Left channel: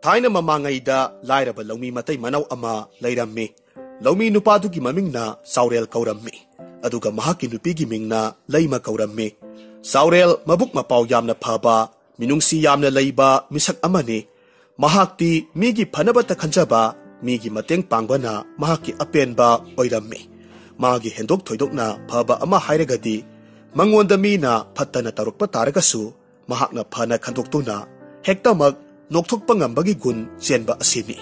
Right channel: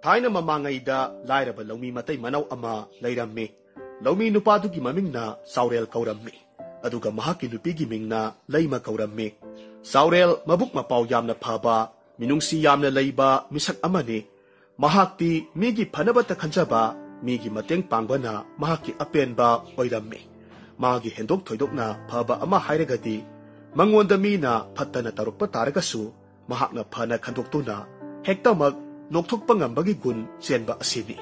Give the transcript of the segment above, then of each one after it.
Thaina mamangayda lairaba lawmi matay manaw ama layrammi. Lawmi nupadugi mamingna Saurel kaurammi. Aduga mahaki nupigi mingna layma kaurammi. Saurel mabuk mapaw yamna phaba, minungsi yamna layba misak amani. Mahakti migi phanabata khanjaba, migi mateng pangbana mahaki apenba oirammi. Magi hendok thoidokna phaba ama hairagadi, mangonda mina phattana tarukpa taragasu, mahakna phana khandoktuna, hektamak nokthokpa ngambagi gun chenba asini.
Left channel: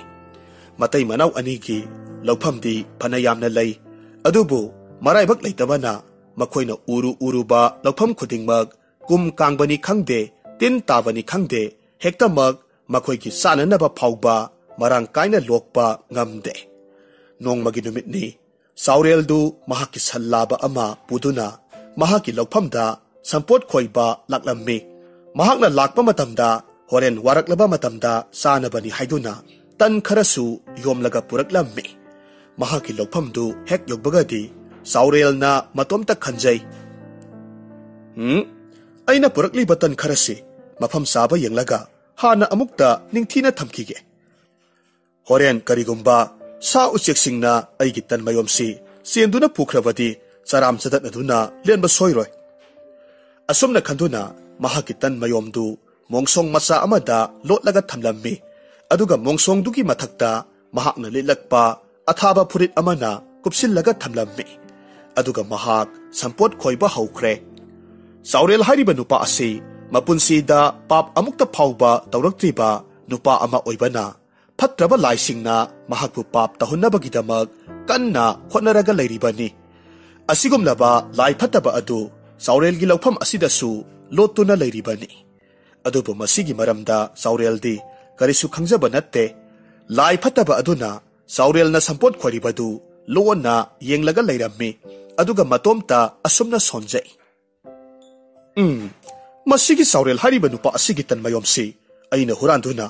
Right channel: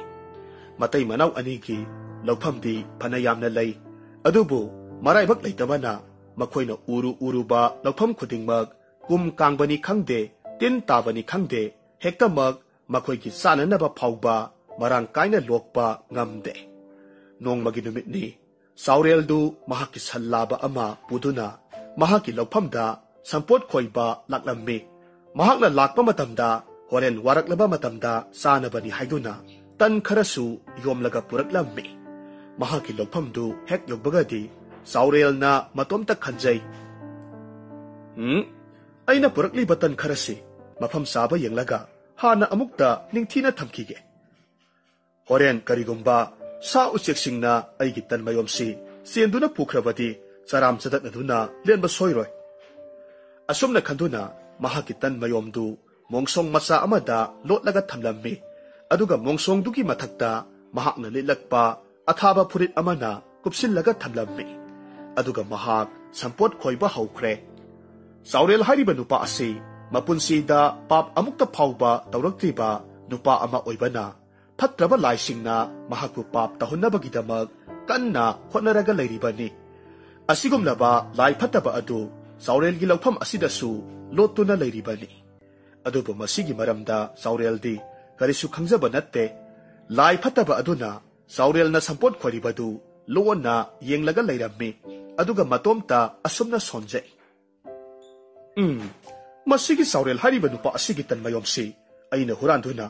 Matay manaw anigi lawphamdi phana yamna lay, adubu maraibak leitabana makoina uruba lawpham khudingmak kum kangbani khangde, tin tabani khangde, hektamak makoigi sananaba phawba marang kaina lokpa ngamde. Nongmagi numitni Saureldu mahaki sallaba ama puduna mahaki lawphamda sampot khoiba laklammi. Mahakna lakpa matamda horen waraklaba matamda sanabani haiduna tan kharasu yomlaga puraklammi. Mahaki lawphamdu hek yogbagadi Saurelna matomta khanjay. Aina purakliba tan kharasi mafam saba yenglaga hana amukta ningthina thamkige. Horen karigumba sa ucheksingna aigi tan mayomsi senduna pukhrabadi charam chadatnaduna lenba soiroi. Asumna khanduna mahaki tan mayomdu mongsong masa amada lotlaga thamlammi. Aduga mongsong dugi mathakta mahakna lilakpa athaba furit amana kupsillaga thamlammi. Aduga mahak sampot khoiba haukre. Saurel hariba nupa asi mapunsida pap amukta phawba tawraktriba nupa ama oibana phatraba laisingna mahakpu pap tahunnabagidamak kanna hotnaraga leiribani. Asigumlaba lai phattaba adu Saurelgi lawpham asidasu lottuna leiribani. Adubu masigi maramda Saureldi karisu khangjaba natte. Lai phattaba aduna Saurelna sampot khoribadu lona yenglaga leirammi. Aduga matomta asumna sonjay. Masigi Saurel hariba nupa asigi tan mayomsi aina huranduna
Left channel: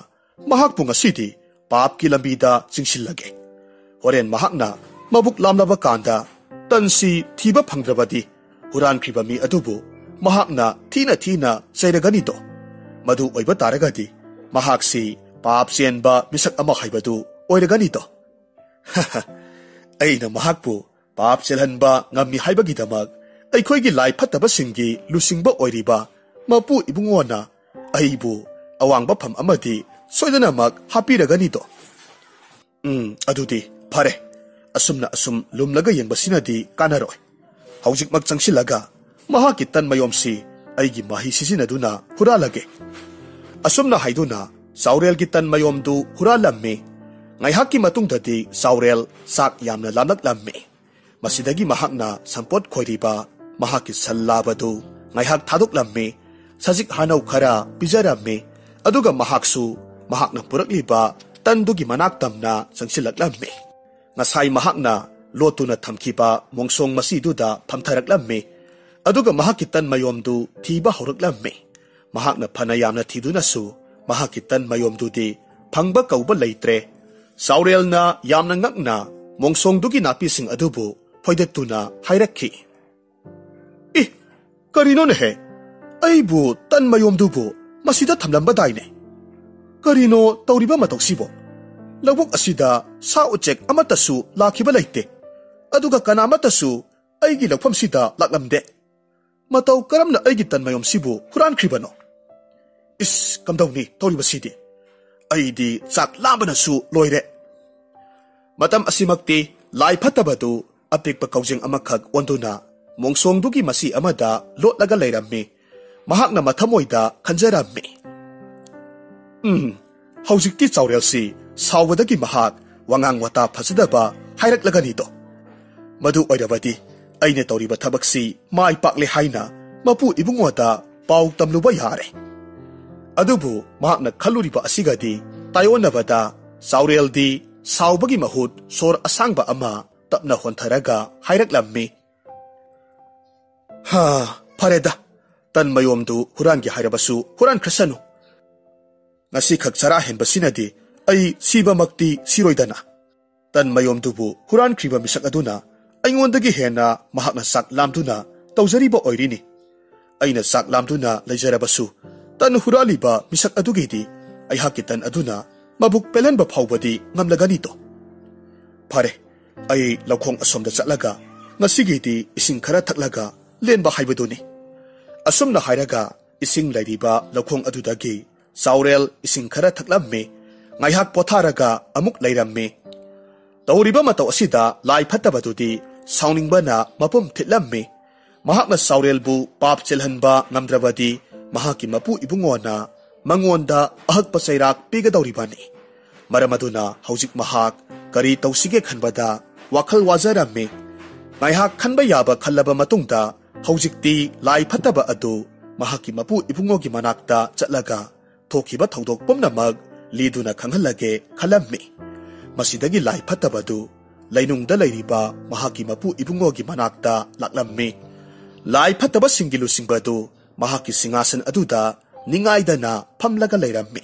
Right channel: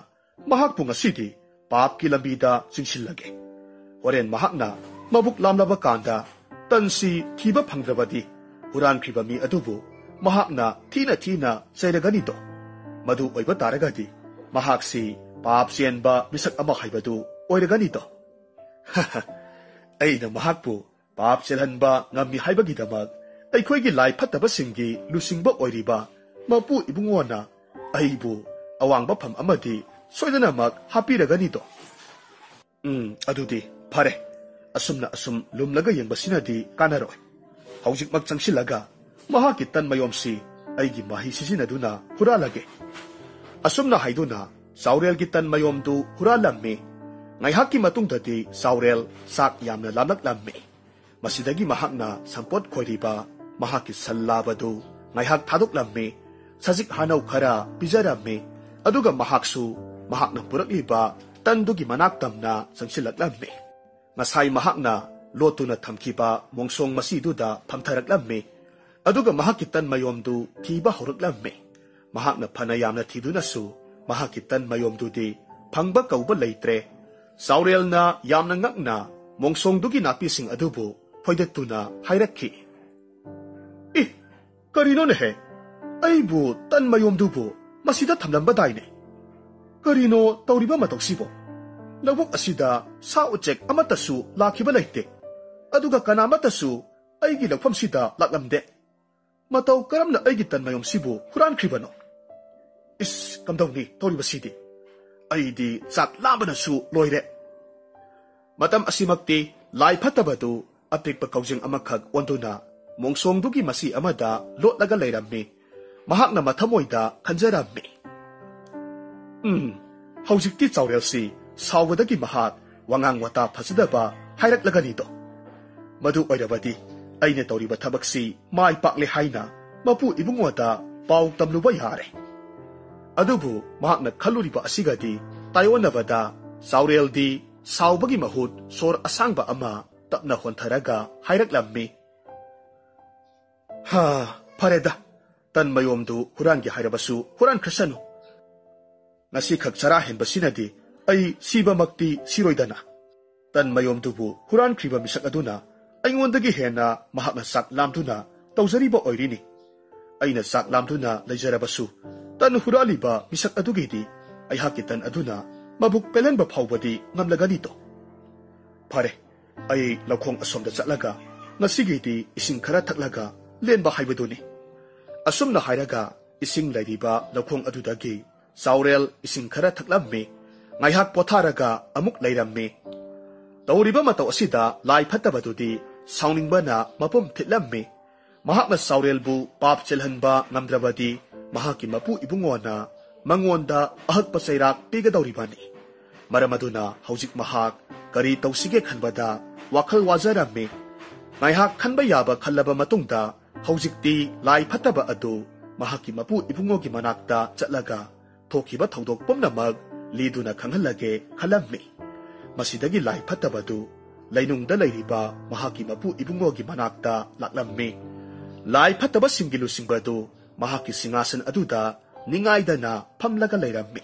mahakpu ngasidi papki lambida singsilage. Horen mahakna mabuk lamlaba kanda tansi thiba phangrabadi hurankhriba mi adubu mahakna thina sairaganido. Madu oiba taragadi mahaksi pap sienba misak ama haibadu oiraganido. Aina mahakpu pap selhanba ngammi haibagidamak aikoigi lai phattaba singi lusingba oiriba mapu ibungona aibu awangba pham amadi soidanamak hapiraganido. Adudi phare asumna asum lumlaga yengbasinadi kanaroi. Haujikmak changsilaga mahaki tan mayomsi aigi mahi sisinaduna huralage. Asumna haiduna Saurelgi tan mayomdu huralammi. Ngaihaki matungdadi Saurel sak yamna lamlaklammi. Masidagi mahakna sampot khoiriba mahaki sallabadu ngaihak thaduklammi. Sajik hanaw khara pijarammi. Aduga mahaksu mahakna purakliba tandugi manaktamna sangsilaklammi. Ngasay mahakna lotuna thamkiba mongsong masiduda phamtharaklammi. Aduga mahakitan mayomdu thiba horaklammi. Mahakna phanayamna thidunasu mahakitan mayomdudi phangba kauba leitre. Saurelna yamna ngakna mongsong dugi napising adubu phoidatuna hairakhi. Karino nehe aibu tan mayomdubu masida thamlamba daine. Karino tawriba matoksibo lawok asida sa uchek amatasu lakhiba leite. Aduga kanamatasu aigi lawphamsida laklamde. Mataw karamna aigi tan mayomsibu hurankribano. Kamdawni tawribasidi aidi chak lambanasu loire. Matam asimakti lai phattabadu apikpa kaujeng amakhak onduna mongsong dugi masi amada lotlaga leirammi. Mahakna mathamoida khanjarammi. Haujikti Saurelsi sawbadagi mahak wangang wata phasadaba hairakлагanido. Madu oirabadi aina tawriba thabaksi mai pakle haina mapu ibungwada paw tamluba yare. Adubu mahakna khaluriba asigadi tayonabada Saureldi sawbagi mahut sor asangba ama tapna hontharaga hairaklammi. Pareda tan mayomdu hurangi hairabasu huran krasanu. Ngasi khak chara henbasinadi ai siba makti siroidana. Tan mayomdubu huran kriba misak aduna aingondagi hena mahakna sak lamduna tawjariba oirini. Aina sak lamduna leijarabasu tan huraliba misak adugidi ai hakitan aduna mabuk pelan ba phawbadi ngamlagani to phare ai laukhong asomda chatlaga ngasigidi ising khara thaklaga lenba haibaduni asumna hairaga ising lairiba laukhong adudagi saurel ising khara thaklamme ngaihak potharaga amuk lairamme tawriba mataw asida lai phattabadudi sauningbana mapum thitlamme mahakna saurel bu pap chelhanba ngamdrabadi mahaki mapu ibungona mangonda ahak pasairak pigadawribani maramaduna haujik mahak kari tawsige khanbada wakhal wazaramme ngaihak khanba yaba khallaba matungda haujikti lai phattaba adu mahaki mapu ibungogi manakta chatlaga thokiba thodok pomnamak liduna khanghalage khalamme masidagi lai phattabadu lainungda lairiba mahaki mapu ibungogi manakta laklamme lai phattaba singilu singbadu mahaki singasan aduda ningaidana phamlaga lairamme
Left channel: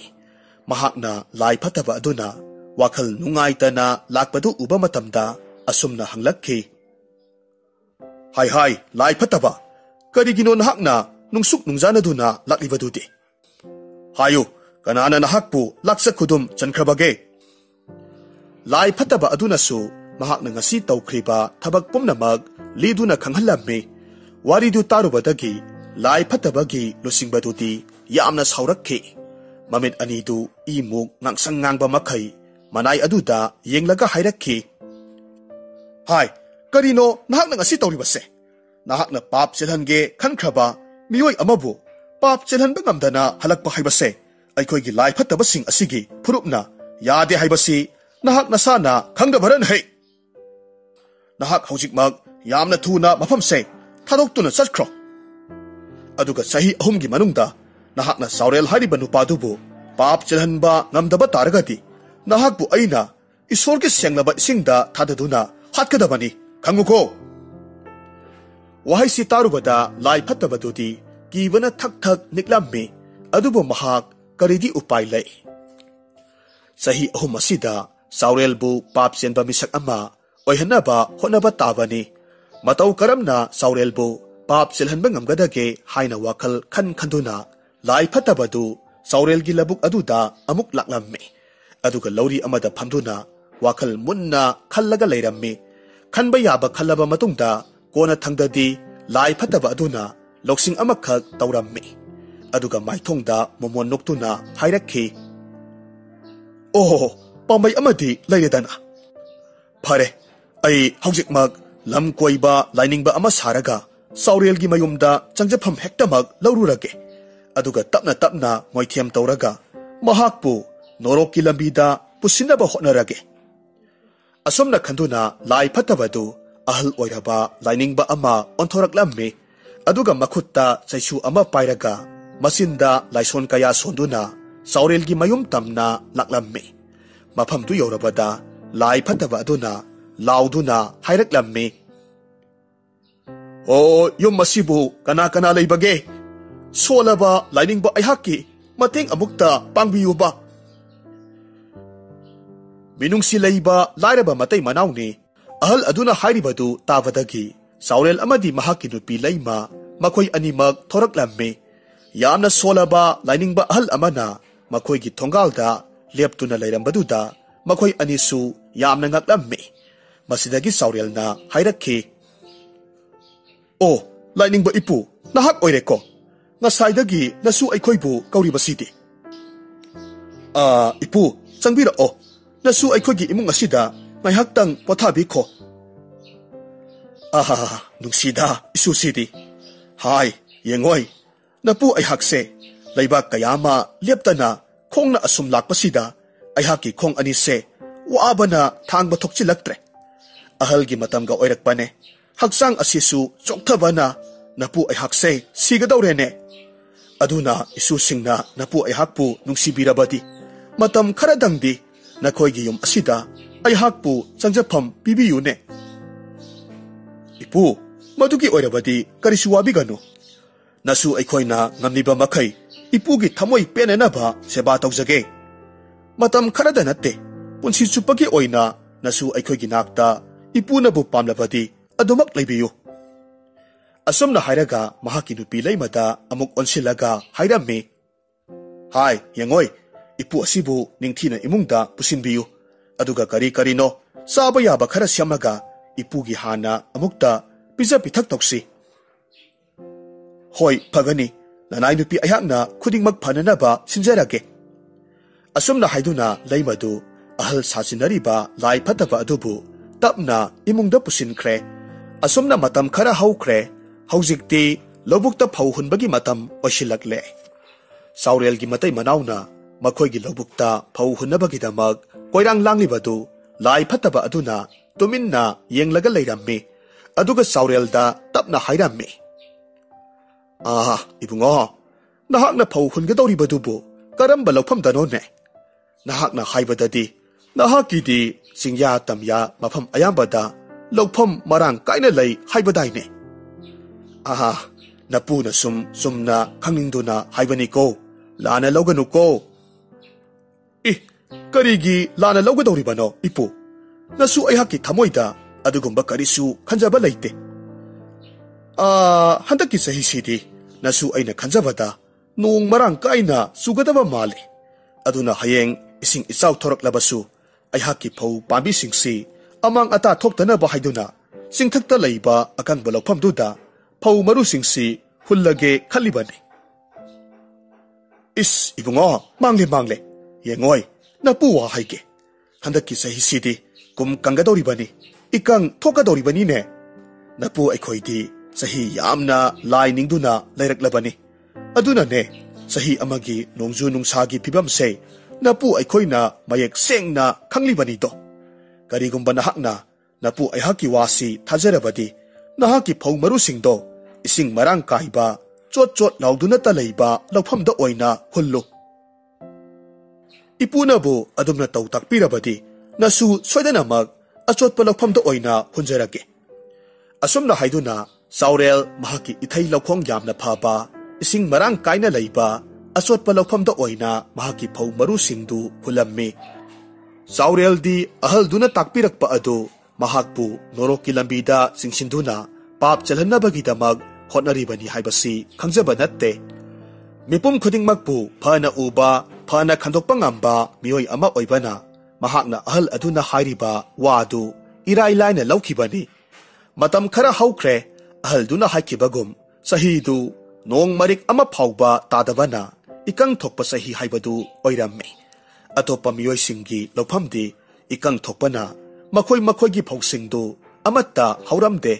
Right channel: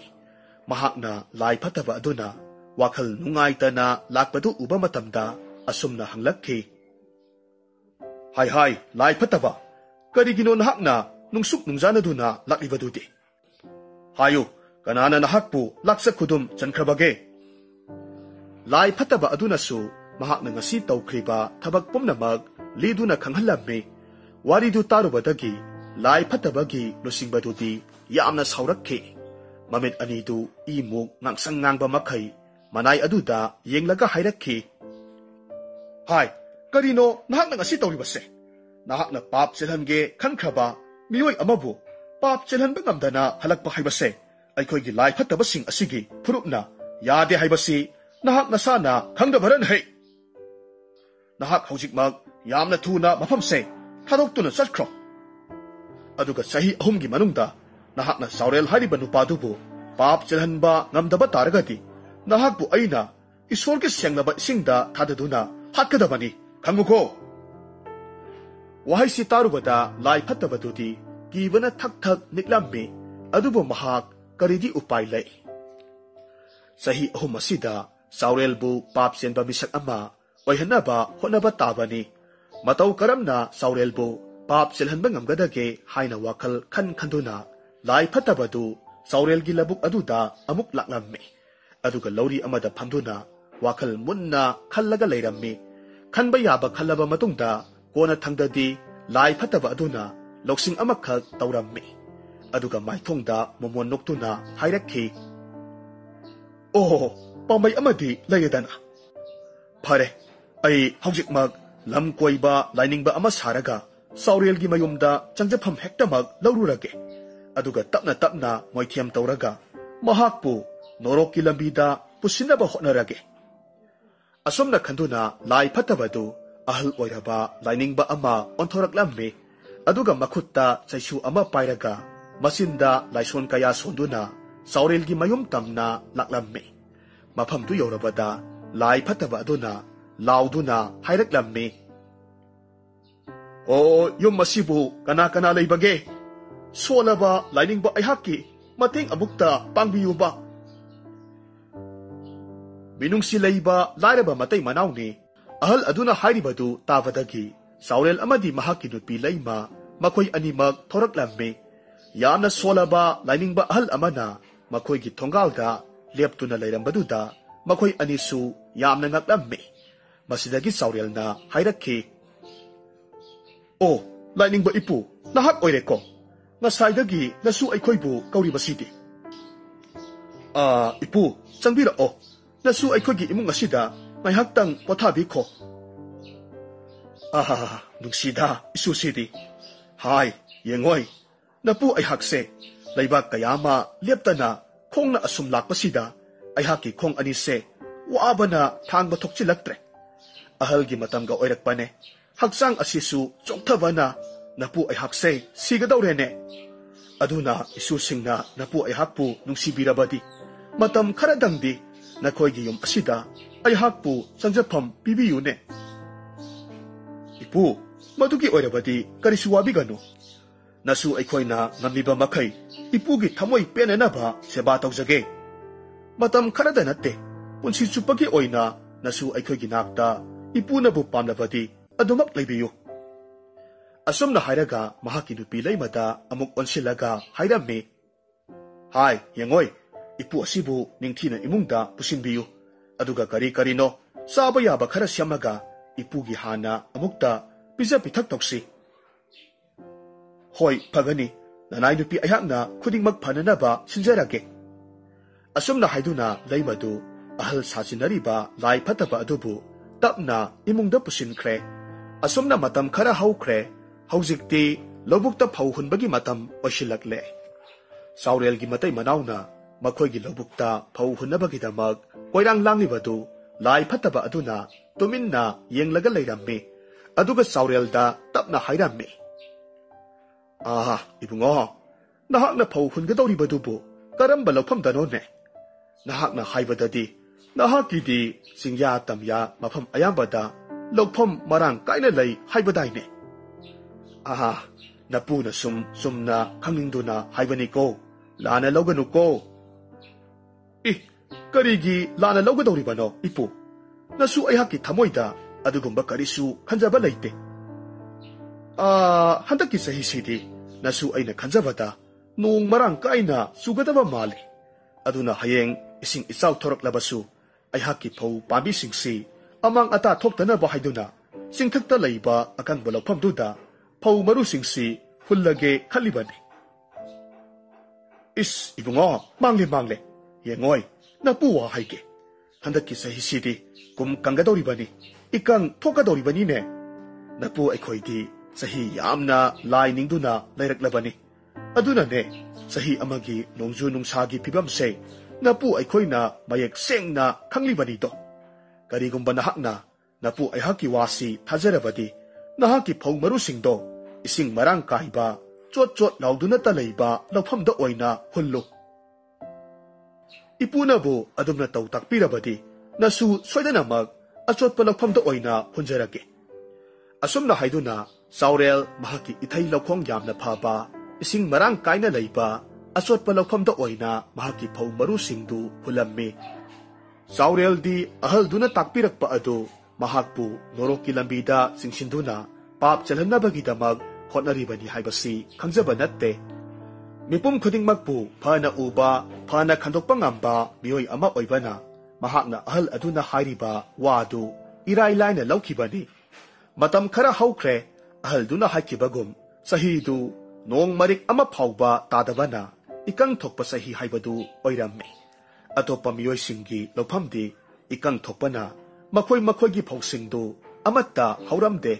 mahakna lai phattaba aduna wakhal nungaitana lakpadu uba matamda asumna hanglakki hai hai lai phattaba karigino nahakna nungsuk nungjanaduna laklibadudi hayu kanana nahakpu laksa khudum chankrabage lai phattaba aduna su mahakna ngasi tawkhriba thabak pumnamak liduna khanghallamme waridu tarubadagi lai phattabagi losingbadudi yamna saurakki mamit anidu imuk ngangsang ngangba makhai manai aduda yenglaga hairakki hai karino nahakna ngasi tawribase nahakna pap chelhange khankraba miyoi amabu pap chelhanba ngamdana halakpa haibase aikhoigi lai phattaba sing asigi phurupna yade haibasi nahak nasana khangdabaran hai nahak haujikmak yamna thuna mafamse thadokutuna chatkro aduga sahi ahumgi manungda nahakna saurel hariba nupadubu pap chelhanba ngamdaba taragati nahakbu aina isorgi senglaba isingda thadaduna hatkadabani khanguko wahai si tarubada lai phattabadudi kibana thak thak niklamme adubu mahak karidi upai lai sahi ahum asida saurel bu pap chenba misak ama oihanaba honaba tabani matau karamna saurel bu pap chelhanba ngamgadage haina wakhal khan khanduna lai phattabadu saurel gi labuk aduda amuk laklamme aduga lauri amada phamduna wakhal munna khallaga leiramme khanba yaba khallaba matungda kona thangdadi lai phattaba aduna loksing amakhak tawramme aduga maithongda momon noktuna hairakhi oh pambai amadi leiredana phare ai haujikmak lam koiba lainingba ama saraga saurel gi mayumda changjapham hektamak laururage aduga tapna tapna moithiam tawraga mahakpu norokki lambida pusinaba hotnarage asomna khanduna lai phattabadu ahal oiraba lainingba ama onthoraklamme aduga makhutta chaisu ama pairaga masinda laison kaya sonduna saurel gi mayum tamna laklamme mafam tu yorabada lai phattaba aduna lauduna hairaklamme o yum masibu kana kana leibage solaba lainingba aihaki mateng amukta pangbiyuba minungsi leiba lairaba matai manawni ahal aduna hairibadu tabadagi saurel amadi mahaki nupi leima makhoi animak thoraklamme yamna solaba lainingba ahal amana makhoi gi thongalda leptuna leirambaduda makhoi anisu yamna ngaklamme masidagi saurelna hairakhi o lainingba ipu nahak oireko ngasaidagi nasu aikhoibu kauribasidi ipu changbira o nasu aikhogi imung asida ngaihaktang pothabikho nungsida isusidi hai yengoi napu aihakse laibak kayama leptana khongna asum lakpasida aihaki khong anise waabana thangba thokchilaktre ahalgi matamga oirakpane haksang asisu chokthabana napu aihakse sigadawrene aduna isu singna napu aihakpu nungsibirabadi matam kharadangdi nakhoigi yum asida aihakpu changjapam pibiyune ipu madugi oirabadi karisu wabiganu nasu aikhoina ngamniba makhai ipugi thamoi penenaba seba tawjage matam kharada natte punsi chupagi oina nasu aikhoigi nakta ipunabu pamlabadi adumak leibiyu asomna hairaga mahaki nupi leimada amuk onsilaga hairamme hai yengoi ipu asibu ningthina imungda pusinbiyu aduga kari karino saba yaba khara syamaga ipu gi hana amukta pizza pithak toksi hoi phagani nanai nupi ayakna khudingmak phanana ba sinjarage asumna haiduna leimadu ahal sasinari ba lai phataba adubu tapna imungda pusinkhre asumna matam khara haukhre haujikti lobukta phau hunbagi matam osilakle saurel gi matai manauna makhoi gi lobukta phau hunabagi damak koirang langlibadu lai phataba aduna tuminna yenglaga leirammi aduga saurel da tapna hairammi ibungo nahakna phau hungadori badubu karamba lawpham dano ne nahakna haibadadi nahaki di singya tamya mafam ayambada lawpham marang kaina lei haibadai ne napuna sumna khangingduna haibani ko lana loganu ko karigi lana logadori bano ipu nasu ayhaki thamoida adugumba karisu khanjaba leite handaki sahi sidi nasu aina khanjabada nung marang kaina sugadaba mali aduna hayeng ising isaw thorak labasu ayhaki phau pambi singsi amang ata thoktana ba haiduna singthakta leiba akang balawpham duda phau maru singsi hullage khalibani ibungo mangle yengoi napu wa haike handaki sahi sidi kum kangadori bani ikang thokadori bani ne napu aikhoidi sahi yamna lining duna lairak aduna ne sahi amagi nongju nungsagi phibam se napu aikhoina mayek sengna khanglibani do karigumba nahakna napu aihaki wasi thajarabadi nahaki phau maru singdo ising marang kaiba chot lauduna ta leiba lawpham da oina hullu ipunabu adumna taw takpirabadi nasu soidanamak achot palawpham da oina hunjarage asumna haiduna saurel mahaki ithai lawkhong yamna phaba ising marang kaina leiba achot palawpham da oina mahaki phau maru singdu hulammi saurel di ahal duna takpirakpa adu mahakpu norokki lambida singsinduna pap chalhanabagi damag hotnaribani haibasi khangjaba natte mipum khudingmakpu phana uba phana khandokpa ngamba mioi ama oibana mahakna ahal aduna hairiba wadu irai laina laukhibani matam khara haukhre ahal duna haikibagum sahidu nong marik ama phauba tadabana ikang thokpa sahi haibadu oirammi atopa mioi singi lophamdi ikang thokpana makhoi gi phauksingdu amatta hauramde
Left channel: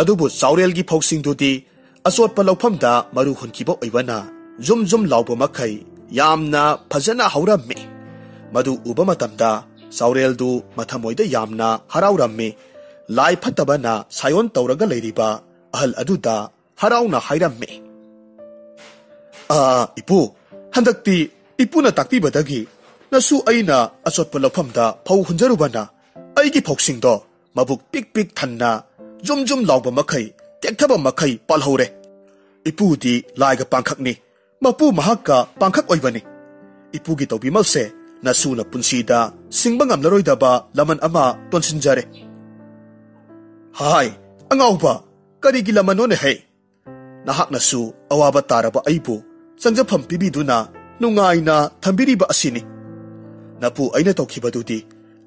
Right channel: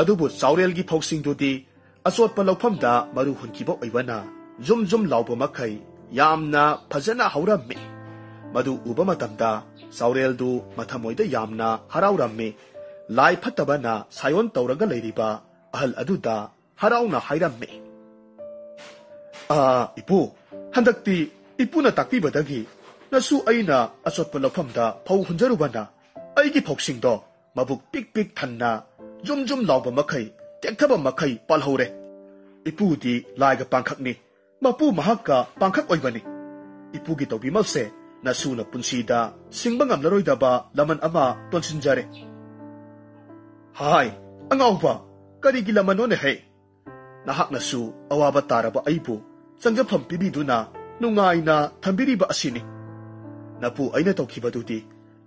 adubu saurel gi phauksingdu di asot pa lawphamda maru hunkiba oibana zum lawba makhai yamna phajana haurammi madu uba matamda saurel du mathamoida yamna haraurammi lai phatabana sayon tawraga leiriba ahal aduda harauna hairammi ipu handakti ipuna takpibadagi nasu aina asot pa lawphamda phau hunjarubana aigi phoksingdo mabuk pik thanna zum lawba makhai tekthaba makhai palhore ipudi laiga pangkhakni mapu mahakka pangkhak oibani ipugi tawbimalse nasuna punsida singba ngamlaroidaba laman ama tonsinjare hai angauba karigi lamanone he nahak nasu awaba taraba aibu sangjafam pibiduna nungaina thambiriba asini napu aina tawkhibadudi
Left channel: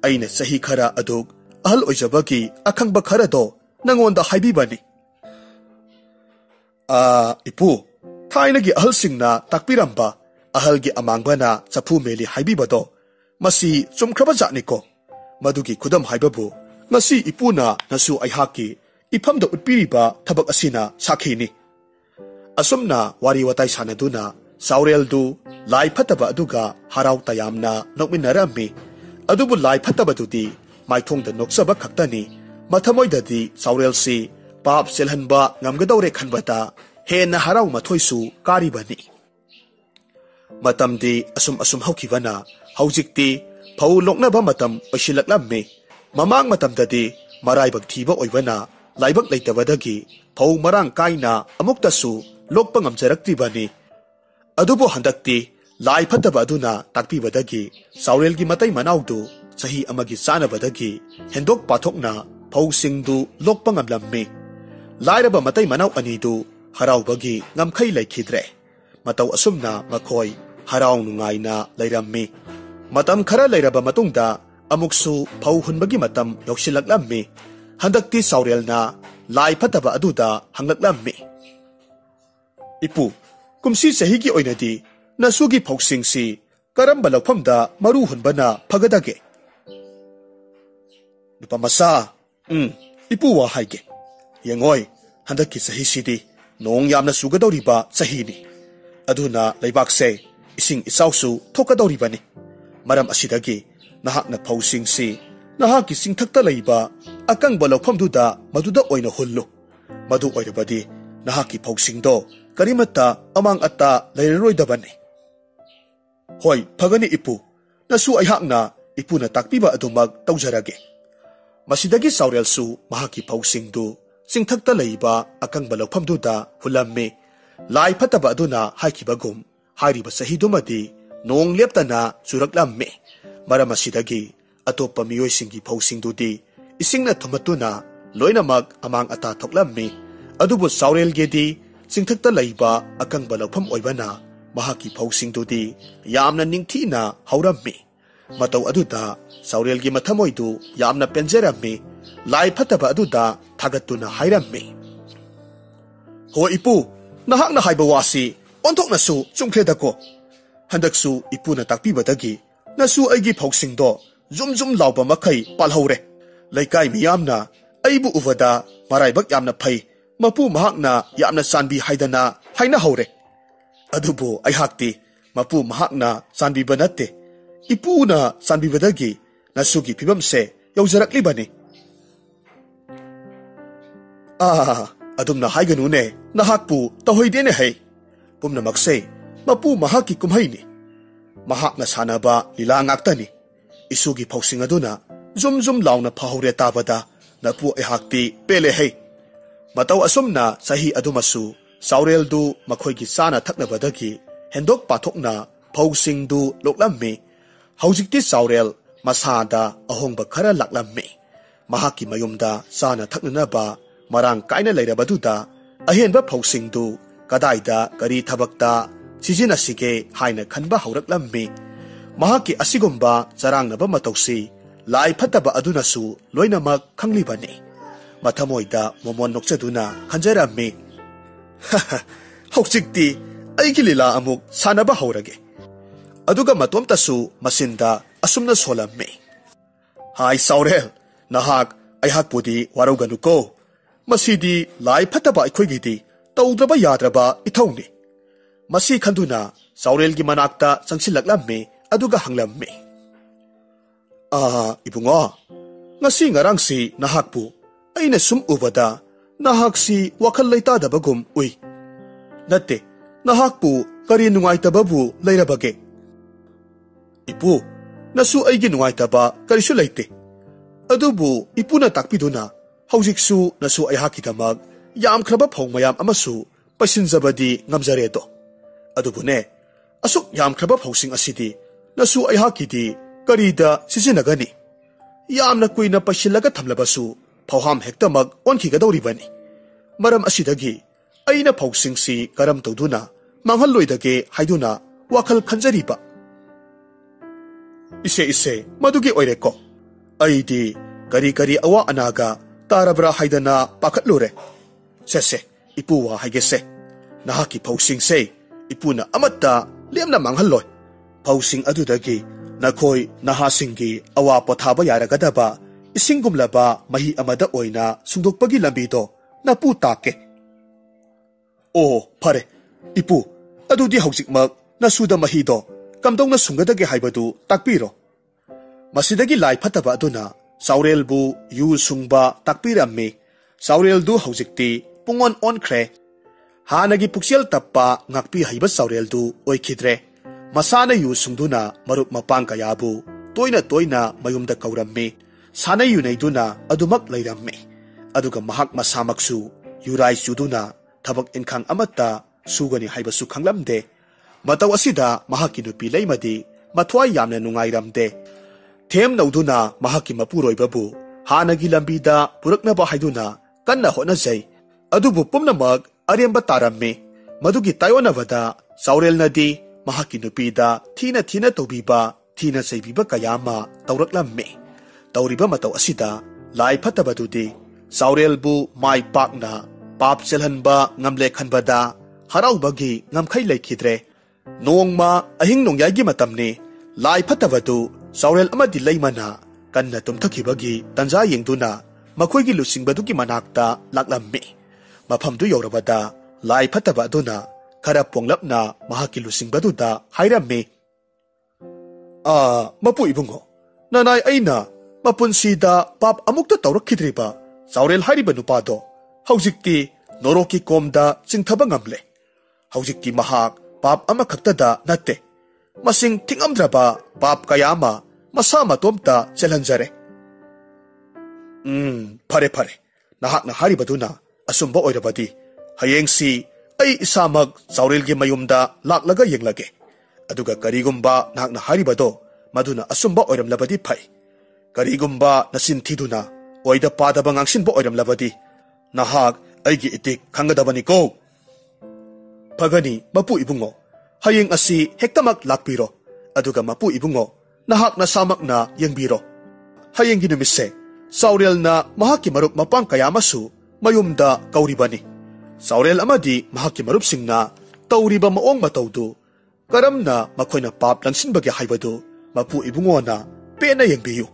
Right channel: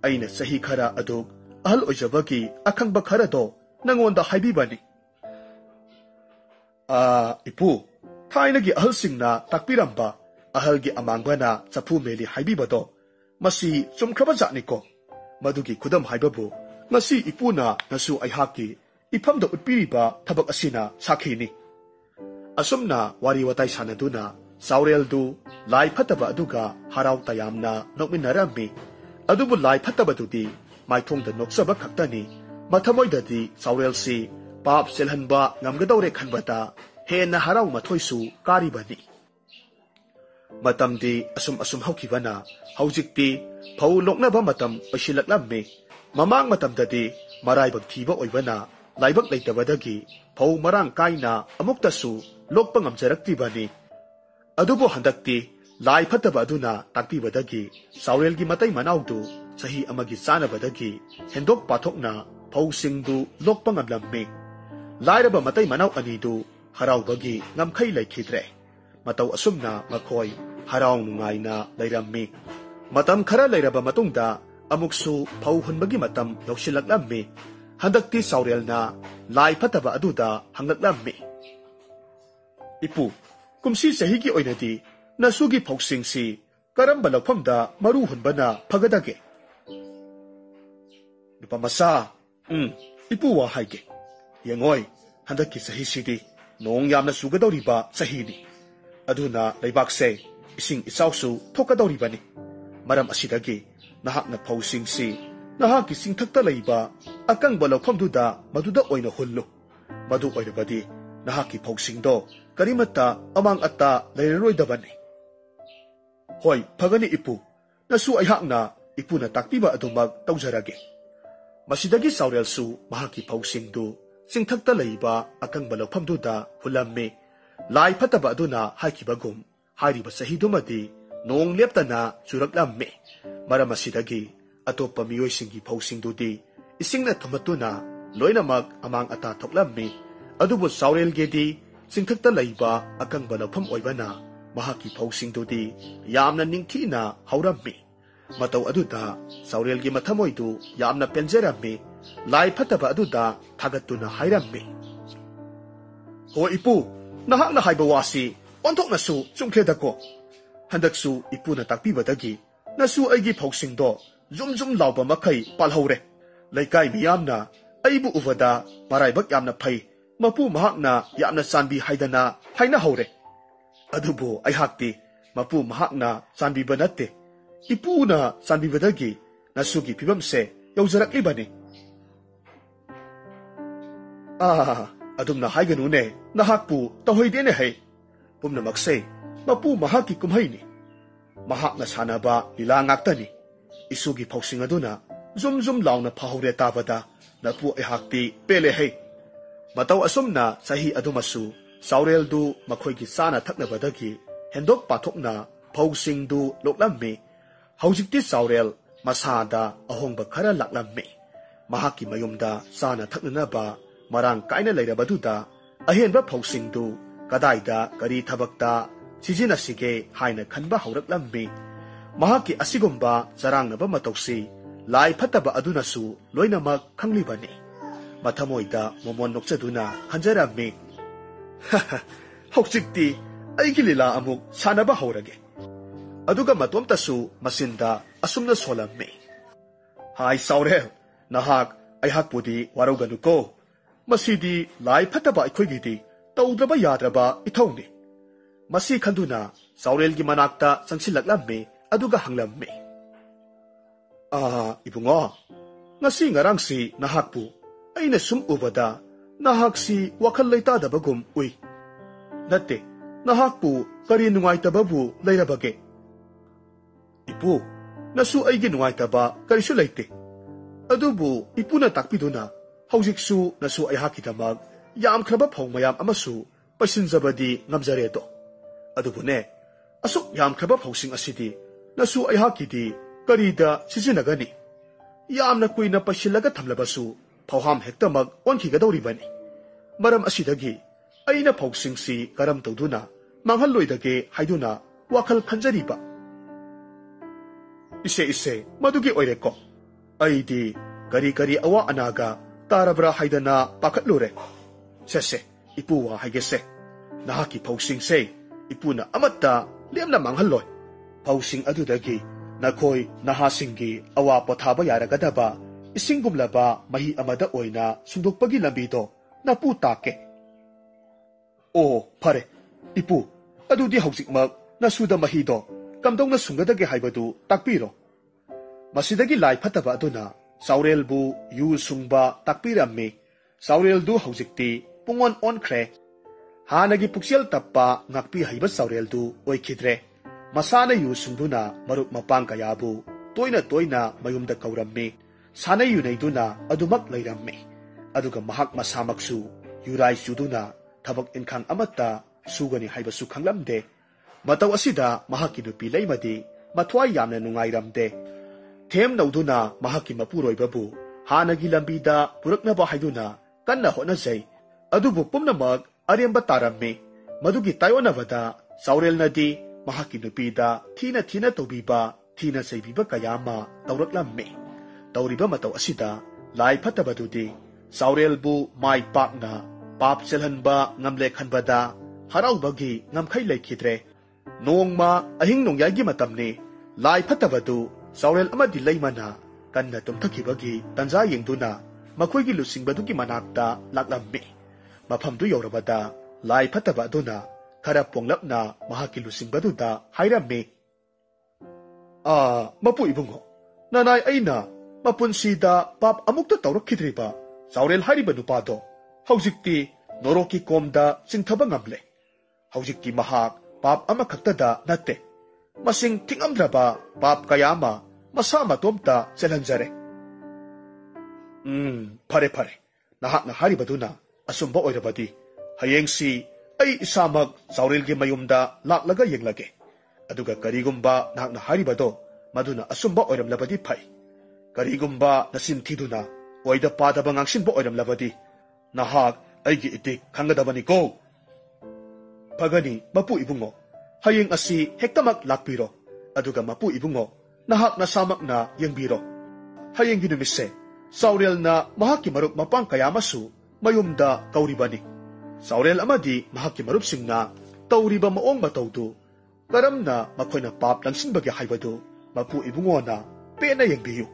aina sahi khara aduk ahal oijabaki akhangba khara do nangonda haibibani ipu thainagi ahal singna takpiramba ahal gi amangbana chapu meli haibibado masi chumkhaba jatniko madugi khudam haibabu ngasi ipuna nasu aihaki ifamda utpiriba thabak asina sakhini asumna wari watai sanaduna saurel du lai phataba aduga harau tayamna nokminarami adubu lai phataba dudi maithongda noksaba khaktani mathamoidadi saurel si pap selhanba ngamgadore khanbata hena harau mathoisu karibani matamdi asum haukibana haujikti phau loknaba matam osilaklammi mamang matamdadi maraibak thiba oibana laibak leitabadagi phau marang kaina amuktasu lokpa ngamjaraktibani adubu handakti lai phataba aduna takpibadagi saurelgi matai manaudu sahi amagi sanabadagi hendok pathokna phau singdu lokpa ngamlammi lairaba matai manau anidu haraubagi ngamkhai laikhidre matau asumna makhoi haraw nungaina leirammi. Matam khara leiraba matungda amuksu phau hunbagi matam yausilaklammi. Handakti Saurel na lai phataba aduda hanglaklammi. Ipu, kumsi sahigi oinadi nasugi phauksingsi karamba lauphamda maru hunbana phagadage. Nupamasa, ipu wa haige. Yengoi, handaki sahisidi nong yamna sugadoriba sahini. Aduna laibakse ising isausu thokadoribani. Maram asidagi nahakna phauksingsi nahaki singthakta leiba akangba lauphamduda maduda oina hullu. Madu oirabadi nahaki phauksingdo karimata amang atta leiroidabani. Hoi, phagani ipu, nasu aihakna ipuna takpiba adumag tawjarage. Masidagi Saurel su mahaki phauksingdu singthakta leiba akangba lauphamduda hulammi. Lai phataba aduna haikibagum hairiba sahidumadi nong leptana suraklammi. Maram asidagi atopa miyoisingi phauksingdudi isingna thumatuna loinamag amang ata thoklammi. Adubu Saurel gedi singthakta leiba akangba laupham oibana mahaki phauksingdudi yamna ningthina haurammi. Matau aduda Saurel gi mathamoidu yamna penjerammi. Lai phataba aduda thagatuna hairammi. Ho ipu, nahakna haiba wasi onthoknasu chungkhledako. Handaksu ipuna takpibadagi nasu aigi phauksingdo zum lauba makai palhore. Laikai miyamna aibu uvada maraibak yamna phai. Mapu mahakna yamna sanbi haidana haina haure. Adubu aihakti mapu mahakna sanbi banate. Ipuna sanbi badagi nasugi pibamse yaujarakli adumna haiganune nahakpu tahoidene hai. Pumna makse mapu mahaki kumhaini. Mahakna sanaba lila ngaktani. Isugi phauksing aduna zum launa phahore tabada napu aihakti pele hai. Matau asumna sahi adumasu Saurel du makhoigi sana thaknabadagi hendok pathokna phauksing du loklammi. Haujikti Saurel masada ahongba khara laklammi. Mahaki mayumda sana thaknanaba marang kaina leirabaduda ahenba phauksing du kadaida kari thabakta sizinasige haina khanba hauraklammi. Mahaki asigumba charangnaba matausi lai phataba adunasu loinamak khanglibani. Mathamoida momon nokchaduna khanjarammi. Haujikti aigi lila amuk sanaba haurage. Aduga matomtasu masinda asumna solammi. Hai Saurel, nahak aihakpudi warauganuko. Masidi lai phataba aikhoigidi tawdraba yadraba ithawni. Masi khanduna Saurel gi manakta sangsilaklammi aduga hanglammi. Ibungo, ngasi ngarangsi nahakpu aina sum ubada nahaksi wakhal leitadabagum ui. Natte, nahakpu kari nungaitababu leirabage. Ipu, nasu aigi nungaitaba karisu leite. Adubu ipuna takpiduna haujiksu nasu aihakidamag yam khraba phongmayam amasu paisinjabadi ngamjaredo. Adubune, asuk yam khraba phauksing asidi nasu aihakidi karida sisinagani. Yamna kuina paisilaga thamlabasu phauham hektamag onkigadoribani. Maram asidagi aina phauksingsi karam tawduna manghalloidage haiduna wakhal khanjariba. Ise madugi oireko. Aidi kari awa anaga tarabra haidana pakatlure. Sese ipuwa haigese. Nahaki phauksingse ipuna amatta lemna manghalloi. Phauksing adudagi nakhoi nahasingi awa pothaba yaragadaba isingumlaba mahi amada oina sungdokpagi lambido napu take. Phare ipu adudi haujikmak nasuda mahido kamdongna sungadage haibadu takpiro. Masidagi lai phataba aduna Saurel bu yu sungba takpirammi. Saurel du haujikti pungon onkre. Hanagi puksel tappa ngakpi haiba Saurel du oikhidre. Masana yu sungduna marup mapang kayabu toina mayumda kaurammi. Sana yu naiduna adumak leirammi. Aduga mahak masamaksu yurai suduna thabak inkhang amatta sugani haiba su khanglamde. Mataw asida mahaki nupi leimadi mathwai yamna nungairamde. Them nauduna mahaki mapuroibabu hanagi lambida puraknaba haiduna kanna honajai. Adubu pumnamak aremba tarammi. Madugi tayonavada Saurel nadi mahaki nupida thina thina tawbiba thina saibiba kayama tawraklamme tawriba mataw asida lai phatabadudi saurelbu mai pakna pap chelhanba ngamle khanbada haraubagi ngamkhai lekhidre nongma ahing nongyagi matamni lai phatabadu saurel amadi leimana kanna tumthakibagi tanja yengduna makoigi lusingbadu manakta laklammi mafamdu yorabada lai phataba aduna khara ponglapna mahaki lusingbadu da hairammi mapu ibungo nanai aina mapunsida pap amukta tawrakhidriba saurel hairiba nupado haujikti noroki komda chingthaba ngamle haujikti mahak pap amakhaktada natte masing thingamdraba pap kayama masa matomta chelhanjare phare phare nahakna haribaduna asumba oirabadi hayengsi ai isamak saurelgi mayumda laklaga yenglage aduga karigumba nahakna haribado maduna asumba oiramlabadi phai karigumba nasin thiduna oida padaba ngangsinba oiramlabadi nahak aigi itik khangadabani ko phagani mapu ibungo hayeng asi hektamak lakpiro aduga mapu ibungo nahak na samak na yengbiro hayeng ginumise saurel na mahaki marup mapang kayamasu mayumda kauribani saurel amadi mahaki marup singna tauriba maong matawdu karamna makoina pap langsinbagi haibadu mapu ibungo na pena yengbiyu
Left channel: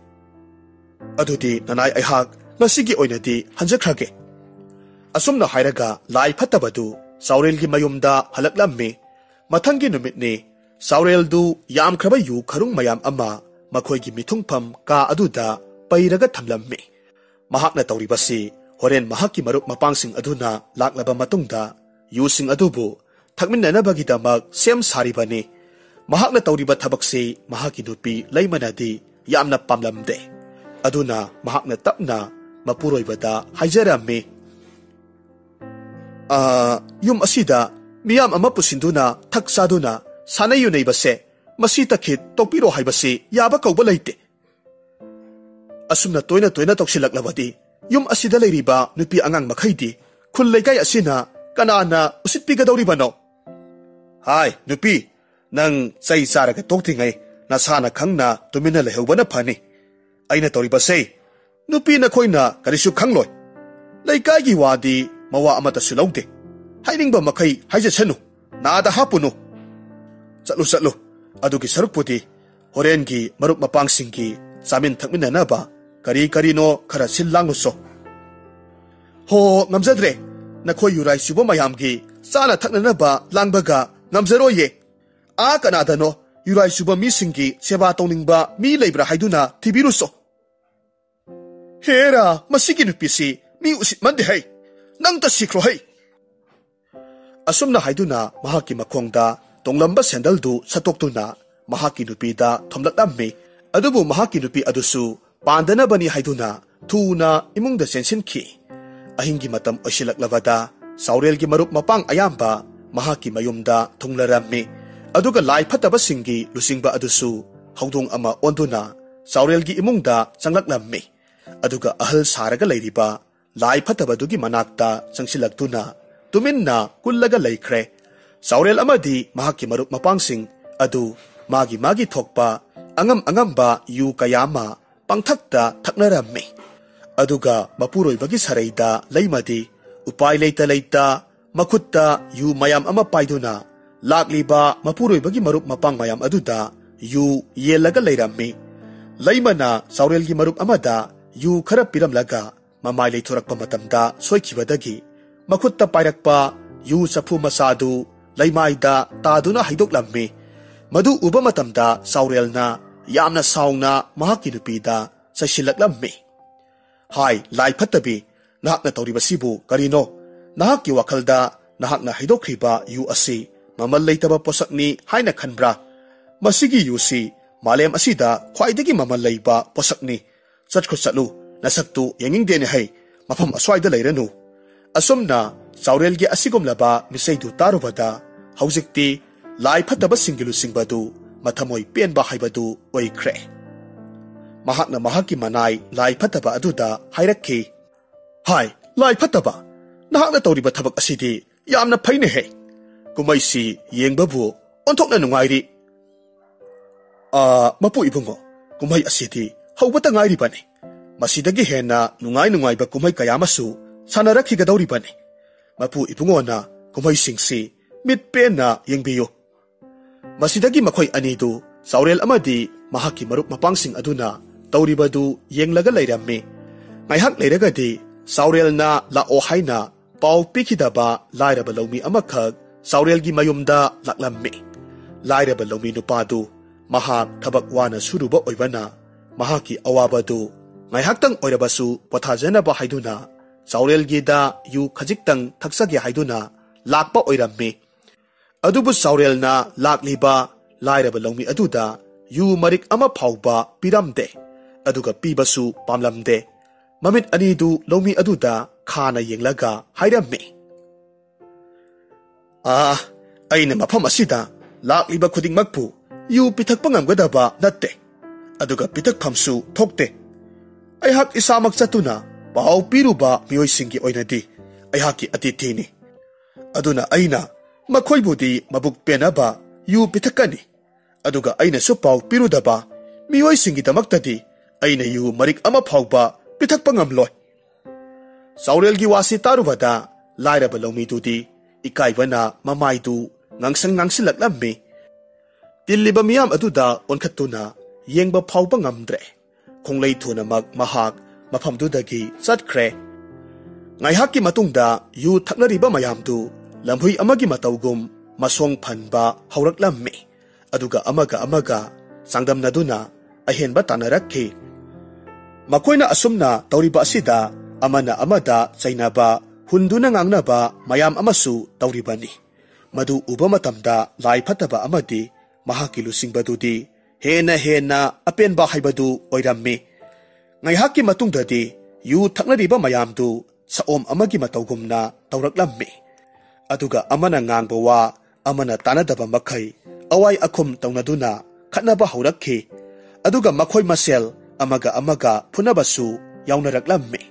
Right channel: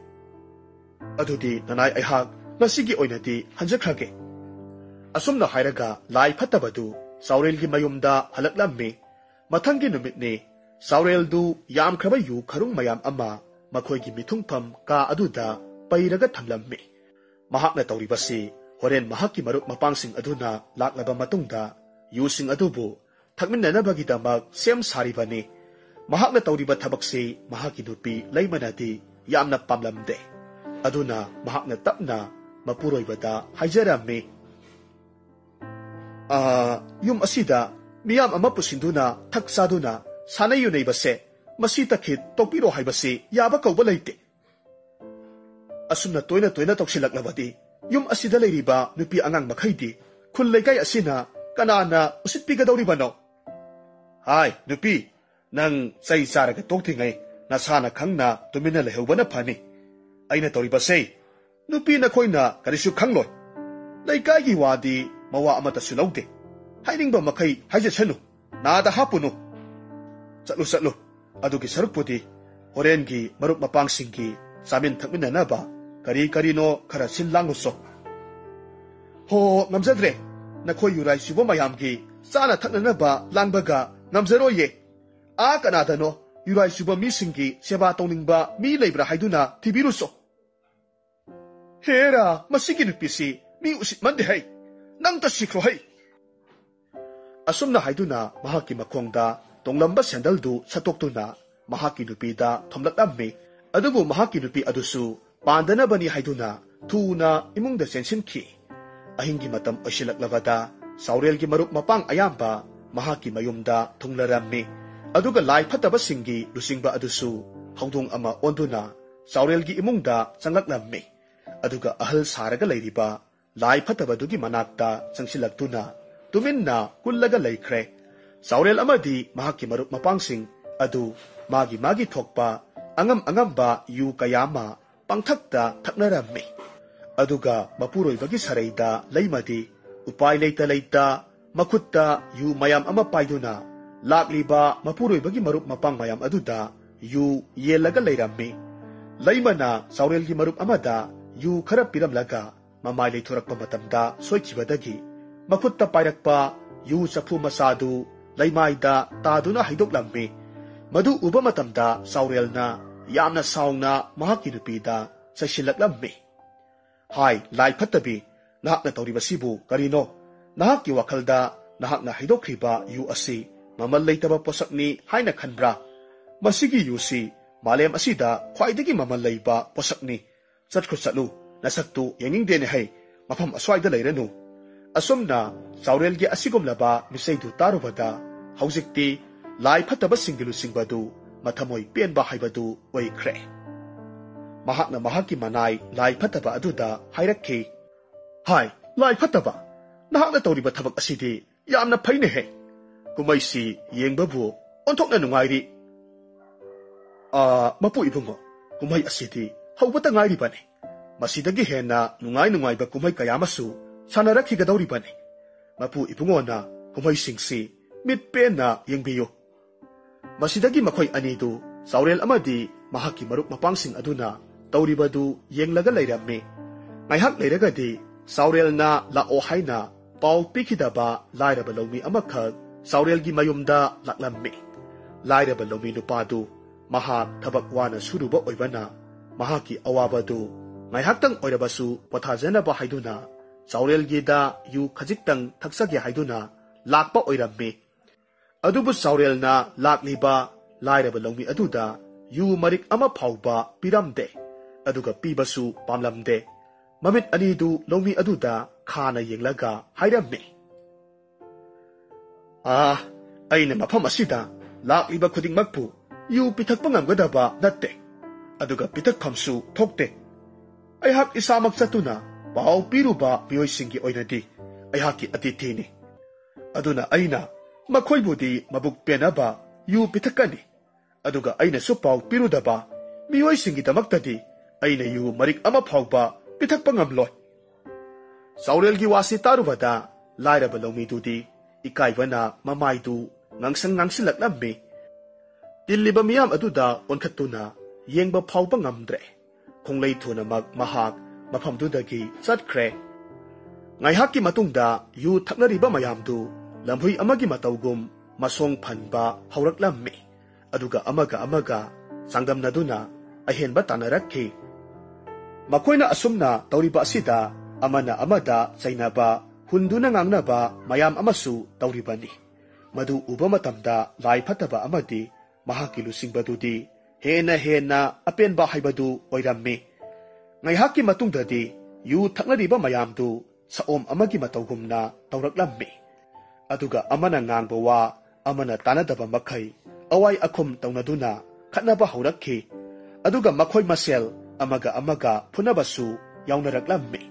adudi nanay ayhak nasigi oinadi hanjakrage asumna hairaga lai phatabadu saurelgi mayumda halaklammi mathangi numitni saureldu yamkraba yu kharung mayam ama makoigi mithungpham ka aduda pairaga thamlammi mahakna tawribasi horen mahaki marup mapangsing aduna laklaba matungda yusing adubu thakminnanabagi damak sem saribani mahakna tawriba thabakse mahaki nupi leimanadi yamna pamlamde aduna mahakna tapna mapuroibada haijarammi yum asida miyam ama pusinduna thaksaduna sanayu neibase masi takhit tokpiro haibase yaba kauba leite asumna toina toina toksilaklabadi yum asida leiriba nupi angang makhaidi khul leikai asina kanana usitpigadawribano hai nupi nang sai saraga toktingai nasana khangna tumina lehubana phani aina toribase nupi na khoina karisu khangloi leikai wadi mawa amata sulaude hainingba makai haijachanu nada hapunu chalo adugi sarupudi horengi marup mapangsingi samin thakminanaba kari no khara sillanguso ho ngamjadre nakhoi yurai subo mayamgi sana thaknanaba langbaga ngamjaroye a kanadano yurai subo misingi seba toningba mi leibra haiduna tibiruso hera masigi nupisi mi usit mande hai nangta sikro hai asumna haiduna mahaki makhongda tonglamba sandaldu satoktuna mahaki nupida thomlaklammi adubu mahaki nupi adusu pandana bani haiduna thuna imungda sensinkhi ahingi matam oisilaklabada saurelgi marup mapang ayamba mahaki mayumda thunglarammi aduga lai phataba singi lusingba adusu haudung ama onduna saurelgi imungda changlaklammi aduga ahal saraga leiriba lai phataba dugi manakta changsilaktuna tuminna kullaga leikhre saurel amadi mahaki marup mapangsing adu magi thokpa angamba yu kayama pangthakta thaknarammi aduga mapuroibagi saraida leimadi upai leita makhutta yu mayam ama paiduna lakliba mapuroibagi marup mapang mayam aduda yu yelaga leirammi leimana saurelgi marup amada yu khara piramlaga mamai leithorakpa matamda soikhibadagi makhutta pairakpa yu chafu masadu leimaida taduna haidoklammi madu uba matamda saurelna yamna sauna mahaki nupida sasilaklammi hai lai phatabi nahakna tawribasibu karino nahakki wakhalda nahakna haidokriba yu asi mamal leitaba posakni haina khanbra masigi yusi malem asida khwaidagi mamal leiba posakni chatlu nasaktu yengingdene hai mafam aswaida leiranu asumna saurelgi asigumlaba misaidu tarubada haujikti lai phataba singilu singbadu mathamoi penba haibadu oikre mahakna mahaki manai lai phataba aduda hairakki hai lai phataba nahakna tawriba thabak asidi yamna phaine he kumaisi yengbabu ꯑꯣꯟꯊꯣꯛꯅ ꯅꯨꯡꯉꯥꯏꯔꯤ ꯃꯄꯨ ꯏꯕꯨꯡꯉꯣ ꯀꯨꯝꯍꯩ ꯑꯁꯤꯗꯤ ꯍꯧꯕꯇ ꯉꯥꯏꯔꯤꯕꯅꯤ ꯃꯁꯤꯗꯒꯤ ꯍꯦꯟꯅ ꯅꯨꯡꯉꯥꯏꯕ ꯀꯨꯝꯍꯩ ꯀꯌꯥ ꯑꯃꯁꯨ ꯁꯥꯟꯅꯔꯛꯈꯤꯒꯗꯧꯔꯤꯕꯅꯤ ꯃꯄꯨ ꯏꯕꯨꯡꯉꯣꯅ ꯀꯨꯝꯍꯩꯁꯤꯡꯁꯤ ꯃꯤꯠ ꯄꯦꯟꯅ ꯌꯦꯡꯕꯤꯌꯨ ꯃꯁꯤꯗꯒꯤ ꯃꯈꯣꯏ ꯑꯅꯤꯗꯨ ꯆꯥꯎꯔꯦꯜ ꯑꯃꯗꯤ ꯃꯍꯥꯛꯀꯤ ꯃꯔꯨꯞ ꯃꯄꯥꯡꯁꯤꯡ ꯑꯗꯨꯅ ꯇꯧꯔꯤꯕꯗꯨ ꯌꯦꯡꯂꯒ ꯂꯩꯔꯝꯃꯤ ꯉꯥꯏꯍꯥꯛ ꯂꯩꯔꯒꯗꯤ ꯆꯥꯎꯔꯦꯜꯅ ꯂꯥꯛꯑꯣ ꯍꯥꯏꯅ ꯄꯥꯎ ꯄꯤꯈꯤꯗꯕ ꯂꯥꯏꯔꯕ ꯂꯧꯃꯤ ꯑꯃꯈꯛ ꯆꯥꯎꯔꯦꯜꯒꯤ ꯃꯌꯨꯝꯗ ꯂꯥꯛꯂꯝꯃꯤ ꯂꯥꯏꯔꯕ ꯂꯧꯃꯤ ꯅꯨꯄꯥꯗꯨ ꯃꯍꯥꯛ ꯊꯕꯛ ꯋꯥꯅ ꯁꯨꯔꯨꯕ ꯑꯣꯏꯕꯅ ꯃꯍꯥꯛꯀꯤ ꯑꯋꯥꯕꯗꯨ ꯉꯥꯏꯍꯥꯛꯇꯪ ꯑꯣꯏꯔꯕꯁꯨ ꯄꯣꯊꯥꯖꯅꯕ ꯍꯥꯏꯗꯨꯅ ꯆꯥꯎꯔꯦꯜꯒꯤꯗ ꯌꯨ ꯈꯖꯤꯛꯇꯪ ꯊꯛꯆꯒꯦ ꯍꯥꯏꯗꯨꯅ ꯂꯥꯛꯄ ꯑꯣꯏꯔꯝꯃꯤ ꯑꯗꯨꯕꯨ ꯆꯥꯎꯔꯦꯜꯅ ꯂꯥꯛꯂꯤꯕ ꯂꯥꯏꯔꯕ ꯂꯧꯃꯤ ꯑꯗꯨꯗ ꯌꯨ ꯃꯔꯤꯛ ꯑꯃ ꯐꯥꯎꯕ ꯄꯤꯔꯝꯗꯦ ꯑꯗꯨꯒ ꯄꯤꯕꯁꯨ ꯄꯥꯝꯂꯝꯗꯦ ꯃꯃꯤꯠ ꯑꯅꯤꯗꯨ ꯂꯧꯃꯤ ꯑꯗꯨꯗ ꯈꯥꯅ ꯌꯦꯡꯂꯒ ꯍꯥꯏꯔꯝꯃꯤ ꯑꯩꯅ ꯃꯐꯝ ꯑꯁꯤꯗ ꯂꯥꯛꯂꯤꯕ ꯈꯨꯗꯤꯡꯃꯛꯄꯨ ꯌꯨ ꯄꯤꯊꯛꯄ ꯉꯝꯒꯗꯕ ꯅꯠꯇꯦ ꯑꯗꯨꯒ ꯄꯤꯊꯛꯐꯝꯁꯨ ꯊꯣꯛꯇꯦ ꯑꯩꯍꯥꯛ ꯏꯁꯥꯃꯛ ꯆꯠꯇꯨꯅ ꯄꯥꯎ ꯄꯤꯔꯨꯕ ꯃꯤꯑꯣꯏꯁꯤꯡꯒꯤ ꯑꯣꯏꯅꯗꯤ ꯑꯩꯍꯥꯛꯀꯤ ꯑꯇꯤꯊꯤꯅꯤ ꯑꯗꯨꯅ ꯑꯩꯅ ꯃꯈꯣꯏꯕꯨꯗꯤ ꯃꯕꯨꯛ ꯄꯦꯟꯅꯕ ꯌꯨ ꯄꯤꯊꯛꯀꯅꯤ ꯑꯗꯨꯒ ꯑꯩꯅꯁꯨ ꯄꯥꯎ ꯄꯤꯔꯨꯗꯕ ꯃꯤꯑꯣꯏꯁꯤꯡꯒꯤꯗꯃꯛꯇꯗꯤ ꯑꯩꯅ ꯌꯨ ꯃꯔꯤꯛ ꯑꯃ ꯐꯥꯎꯕ ꯄꯤꯊꯛꯄ ꯉꯝꯂꯣꯏ ꯆꯥꯎꯔꯦꯜꯒꯤ ꯋꯥꯁꯤ ꯇꯥꯔꯨꯕꯗ ꯂꯥꯏꯔꯕ ꯂꯧꯃꯤꯗꯨꯗꯤ ꯏꯀꯥꯏꯕꯅ ꯃꯃꯥꯏꯗꯨ ꯉꯥꯡꯁꯤꯜꯂꯛꯂꯝꯃꯤ ꯇꯤꯜꯂꯤꯕ ꯃꯤꯌꯥꯝ ꯑꯗꯨꯗ ꯑꯣꯟꯈꯠꯇꯨꯅ ꯌꯦꯡꯕ ꯐꯥꯎꯕ ꯉꯝꯗ꯭ꯔꯦ ꯈꯣꯡꯂꯩ ꯊꯨꯅꯃꯛ ꯃꯍꯥꯛ ꯃꯐꯝꯗꯨꯗꯒꯤ ꯆꯠꯈ꯭ꯔꯦ ꯉꯥꯏꯍꯥꯛꯀꯤ ꯃꯇꯨꯡꯗ ꯌꯨ ꯊꯛꯅꯔꯤꯕ ꯃꯌꯥꯝꯗꯨ ꯂꯝꯍꯨꯏ ꯑꯃꯒꯤ ꯃꯇꯧꯒꯨꯝ ꯃꯁꯣꯡ ꯐꯟꯕ ꯍꯧꯔꯛꯂꯝꯃꯤ ꯑꯗꯨꯒ ꯑꯃꯒ ꯆꯥꯡꯗꯝꯅꯗꯨꯅ ꯑꯍꯦꯟꯕ ꯇꯥꯟꯅꯔꯛꯈꯤ ꯃꯈꯣꯏꯅ ꯑꯁꯨꯝꯅ ꯇꯧꯔꯤꯕ ꯑꯁꯤꯗ ꯑꯃꯅ ꯑꯃꯗ ꯆꯩꯅꯕ ꯍꯨꯟꯗꯨꯅ ꯉꯥꯡꯅꯕ ꯃꯌꯥꯝ ꯑꯃꯁꯨ ꯇꯧꯔꯤꯕꯅꯤ ꯃꯗꯨ ꯎꯕ ꯃꯇꯝꯗ ꯂꯥꯏ ꯐꯠꯇꯕ ꯑꯃꯗꯤ ꯃꯍꯥꯛꯀꯤ ꯂꯨꯆꯤꯡꯕꯗꯨꯗꯤ ꯍꯦꯟꯅ ꯑꯄꯦꯟꯕ ꯍꯥꯏꯕꯗꯨ ꯑꯣꯏꯔꯝꯃꯤ ꯉꯥꯏꯍꯥꯛꯀꯤ ꯃꯇꯨꯡꯗꯗꯤ ꯌꯨ ꯊꯛꯅꯔꯤꯕ ꯃꯌꯥꯝꯗꯨ ꯁꯑꯣꯝ ꯑꯃꯒꯤ ꯃꯇꯧꯒꯨꯝꯅ ꯇꯧꯔꯛꯂꯝꯃꯤ ꯑꯗꯨꯒ ꯑꯃꯅ ꯉꯥꯡꯕ ꯋꯥ ꯑꯃꯅ ꯇꯥꯟꯅꯗꯕ ꯃꯈꯩ ꯑꯋꯥꯏ ꯑꯈꯨꯝ ꯇꯧꯅꯗꯨꯅ ꯈꯠꯅꯕ ꯍꯧꯔꯛꯈꯤ ꯑꯗꯨꯒ ꯃꯈꯣꯏ ꯃꯁꯦꯜ ꯑꯃꯒ ꯐꯨꯅꯕꯁꯨ ꯌꯥꯎꯅꯔꯛꯂꯝꯃꯤ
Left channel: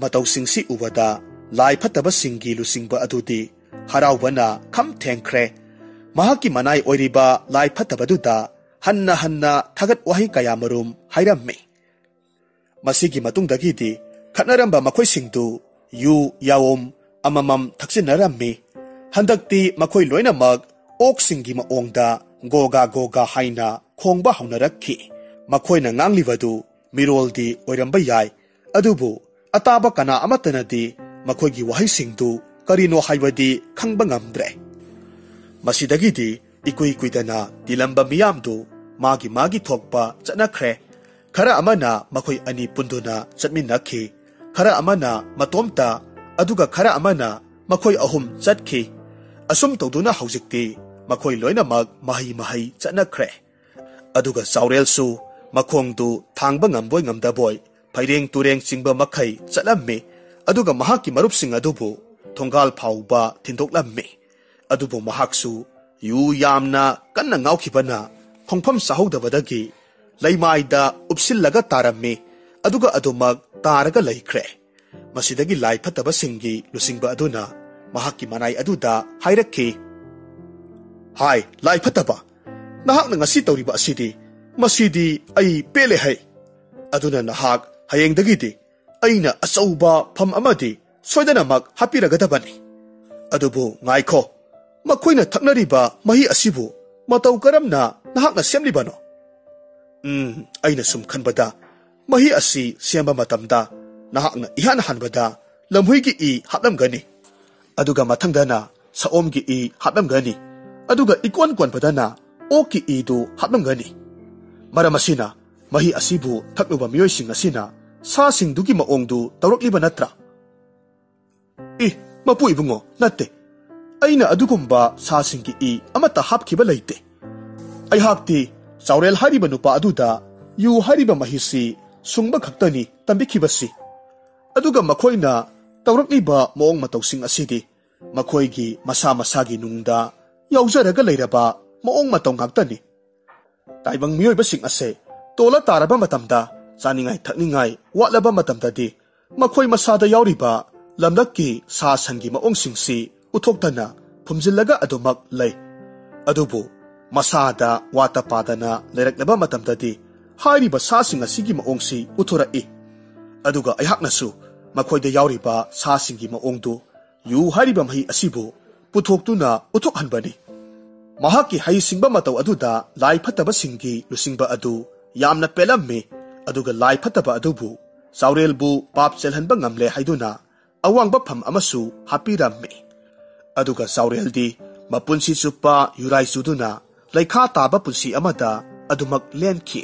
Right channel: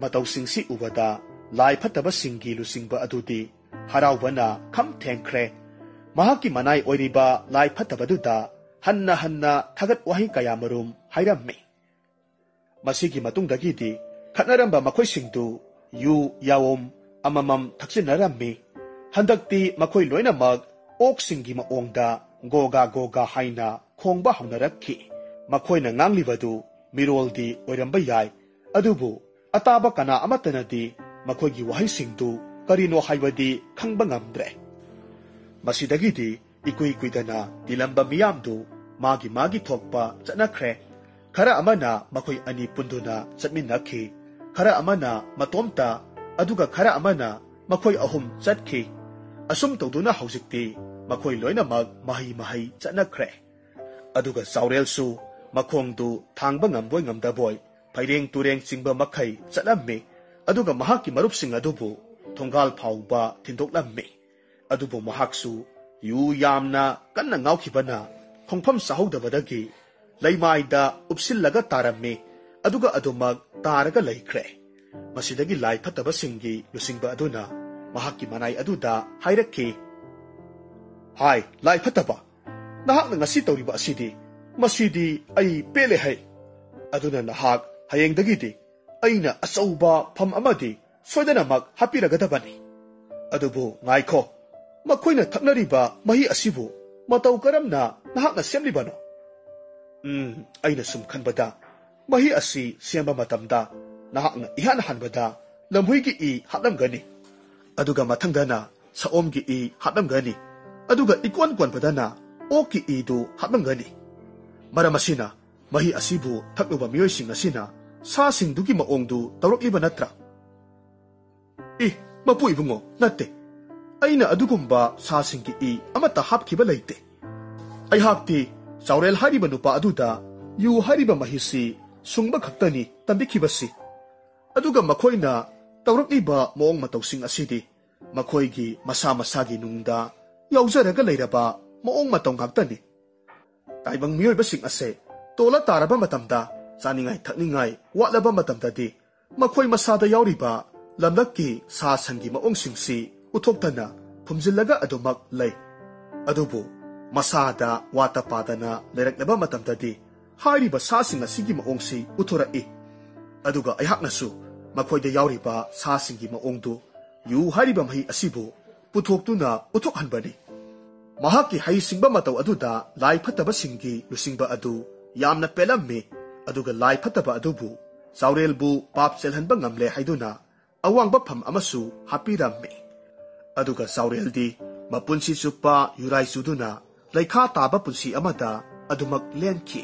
ꯃꯇꯧꯁꯤꯡꯁꯤ ꯎꯕꯗ ꯂꯥꯏ ꯐꯠꯇꯕꯁꯤꯡꯒꯤ ꯂꯨꯆꯤꯡꯕ ꯑꯗꯨꯗꯤ ꯍꯔꯥꯎꯕꯅ ꯈꯝ ꯊꯦꯡꯈ꯭ꯔꯦ ꯃꯍꯥꯛꯀꯤ ꯃꯅꯥꯏ ꯑꯣꯏꯔꯤꯕ ꯂꯥꯏ ꯐꯠꯇꯕꯗꯨꯗ ꯍꯟꯅ ꯊꯥꯒꯠ ꯋꯥꯍꯩ ꯀꯌꯥꯃꯔꯨꯝ ꯍꯥꯏꯔꯝꯃꯤ ꯃꯁꯤꯒꯤ ꯃꯇꯨꯡꯗꯒꯤꯗꯤ ꯈꯠꯅꯔꯝꯕ ꯃꯈꯣꯏꯁꯤꯡꯗꯨ ꯌꯨ ꯌꯥꯑꯣꯝ ꯑꯃꯃꯝ ꯊꯛꯆꯤꯟꯅꯔꯝꯃꯤ ꯍꯟꯗꯛꯇꯤ ꯃꯈꯣꯏ ꯂꯣꯏꯅꯃꯛ ꯑꯣꯛꯁꯤꯡꯒꯤ ꯃꯑꯣꯡꯗ ꯒꯣꯒꯥ ꯍꯥꯏꯅ ꯈꯣꯡꯕ ꯍꯧꯅꯔꯛꯈꯤ ꯃꯈꯣꯏꯅ ꯉꯥꯡꯂꯤꯕꯗꯨ ꯃꯤꯔꯣꯜꯗꯤ ꯑꯣꯏꯔꯝꯕ ꯌꯥꯏ ꯑꯗꯨꯕꯨ ꯑꯇꯥꯕ ꯀꯅꯥ ꯑꯃꯠꯇꯅꯗꯤ ꯃꯈꯣꯏꯒꯤ ꯋꯥꯍꯩꯁꯤꯡꯗꯨ ꯀꯔꯤꯅꯣ ꯍꯥꯏꯕꯗꯤ ꯈꯪꯕ ꯉꯝꯗ꯭ꯔꯦ ꯃꯁꯤꯗꯒꯤꯗꯤ ꯏꯀꯨꯏ ꯀꯨꯏꯗꯅ ꯇꯤꯜꯂꯝꯕ ꯃꯤꯌꯥꯝꯗꯨ ꯃꯥꯒꯤ ꯊꯣꯛꯄ ꯆꯠꯅꯈ꯭ꯔꯦ ꯈꯔ ꯑꯃꯅ ꯃꯈꯣꯏ ꯑꯅꯤ ꯄꯨꯟꯗꯨꯅ ꯆꯠꯃꯤꯟꯅꯈꯤ खरा अमना मतोमता अदुगा खरा अमना मखोई अहुम चटखी असुम तौदुना हौजिक्ति मखोई लोइनमक मही चटनख्रे अदुगा साउरेलसु मखोंगदु थांगबा ngamboi ngamdaboy फाइरेंग तुरेंग चिंगबा मखै चटलम्मे अदुगा महाकि मरुपसिंग अदुबु थोंगाल फाउबा थिंदोकलम्मे अदुबु महाकसु यु यामना कन्ना ngauखिबना खोंफम साहौदबदगी लैमाइदा उपसिलगा तारम्मे अदुगा अदुमक तारगा लैख्रे मसिदगी लाई फतबा सिंगी लुसिंगबा अदुना महाकि मनाई अदुदा हाइरक्खि हाय लाई फतबा नहाकना ngasi तौरिबा असिदि मसिदि आई पेले है अदुना नहाक हयेंदगीदि अइना अचौबा फम अमदि सोइदनमक हापिरगदबनि अदुबु ngaikho मखोइना थक्नरिबा मही असिबु मतौ करमना नहाकना सेमलिबनो अइना सुम खनबदा मही असि सेमबा मतमदा नहाकना इहान हनबदा लमहुइगी इ हापलमगनि अदुगा मथंगदना साओमगी इ हापलमगनि अदुगा इकोन कोनबदना ओकी इ दु हापलमगनि मरमसिना मही असिबु थक्लुबा मियोइसिंग असिना सासिंगदुगी मओंगदु तौरक्लिबा नत्रा इ मपु इबुंगो नत्ते अइना अदुगुम्बा सासिंगी इ अमता हापखिबा लैते अइहाक्ति चाउरेल हारिबा नुपा अदुदा यु हारिबा महिसि सुंगबा खक्तनि तंबिखिबसि अदुगा मखोइना तौरक्लिबा मोंग मतौसिंग असिदि मखोइगी मसा मसागी नुंगदा याउजरगा लैरबा मोंग मतौ ngakतनि ताइबंग मियोइबसिंग असे तोला तारबा मतमदा चानिंगाई थक्निंगाई वाटलबा मतमददि मखोइ मसादा याउरिबा लमलक्की सा संगी मओंगसिंगसि उथोक्तना फुमजिल्लगा अदुमक लै अदुबु masada wata padana leraknaba matamdadi hairiba sasing asigi maongsi uthorai aduga ayhaknasu makhoida yauriba sasingi maongdu yu hairiba mahi asibu puthoktuna uthokhanbani mahaki haisingba matau aduda lai phataba singi lusingba adu yamna pelamme aduga lai phataba adubu saurelbu pap chelhanba ngamle haiduna awangba pham amasu hapiramme aduga saureldi mapunsi chupa yurai suduna laikha taba punsi amada adumak lenki